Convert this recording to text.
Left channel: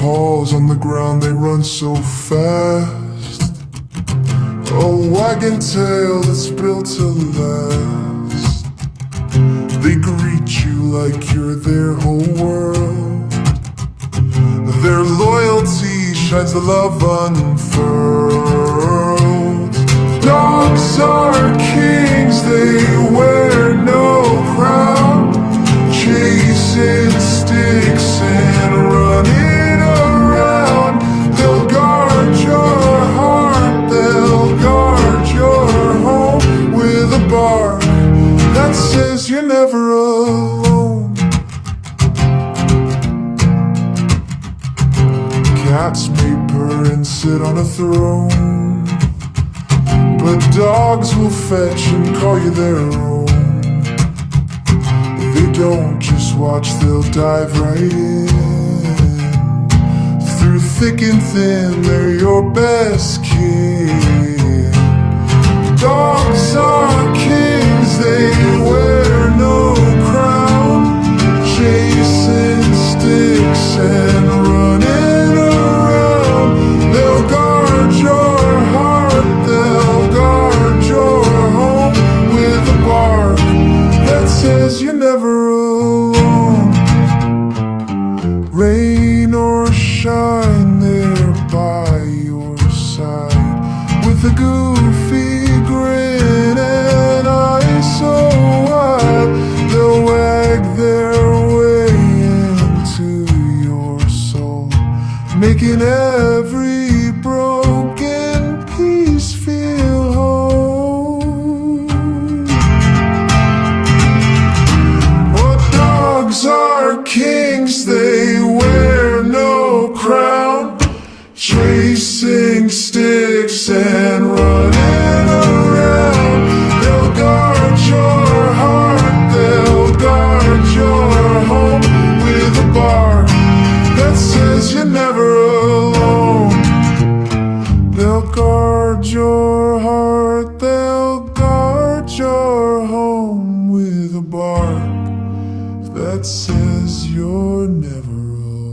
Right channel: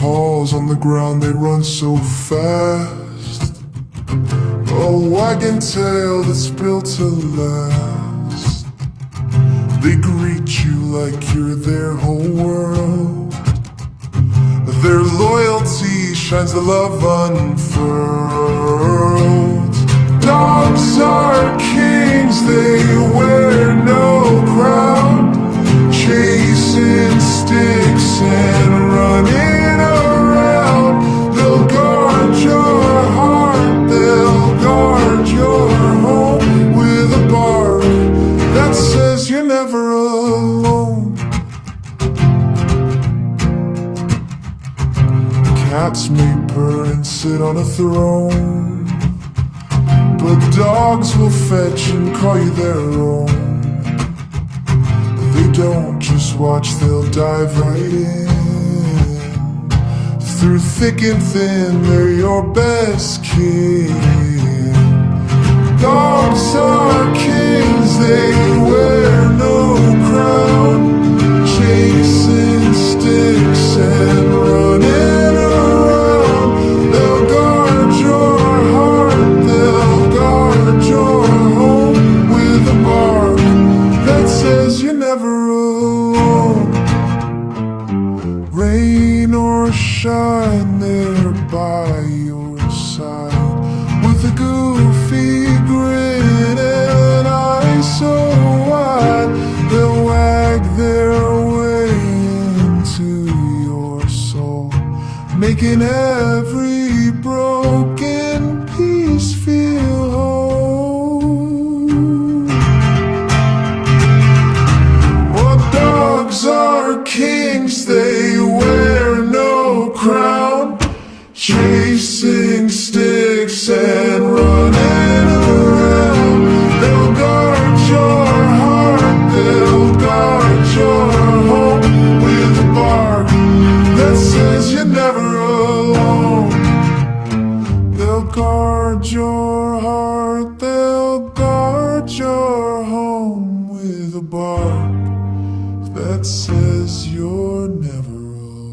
paws on the ground, they run so fast. A wagging tail that's built to last. They greet you like you're their whole world. Their loyalty shines the love unfurled. Dogs are kings, they wear no crown, chasing sticks and running around. They'll guard your heart, they'll guard your home with a bark that says you're never alone. Cats may purr and sit on a throne, but dogs will fetch and call you their own. They don't just watch, they'll dive right in. Through thick and thin, they're your best kin. Dogs are kings, they wear no crown, chasing sticks and running around. They'll guard your heart, they'll guard your home with a bark that says you're never alone. Rain or shine, they're by your side with a goofy grin and eyes so wide. They'll wag their way into your soul, making every broken piece feel whole. Dogs are kings, they wear no crown, chasing sticks and running around. They'll guard your heart, they'll guard your home with a bark that says you're never alone. They'll guard your heart, they'll guard your home with a bark that says you're never alone.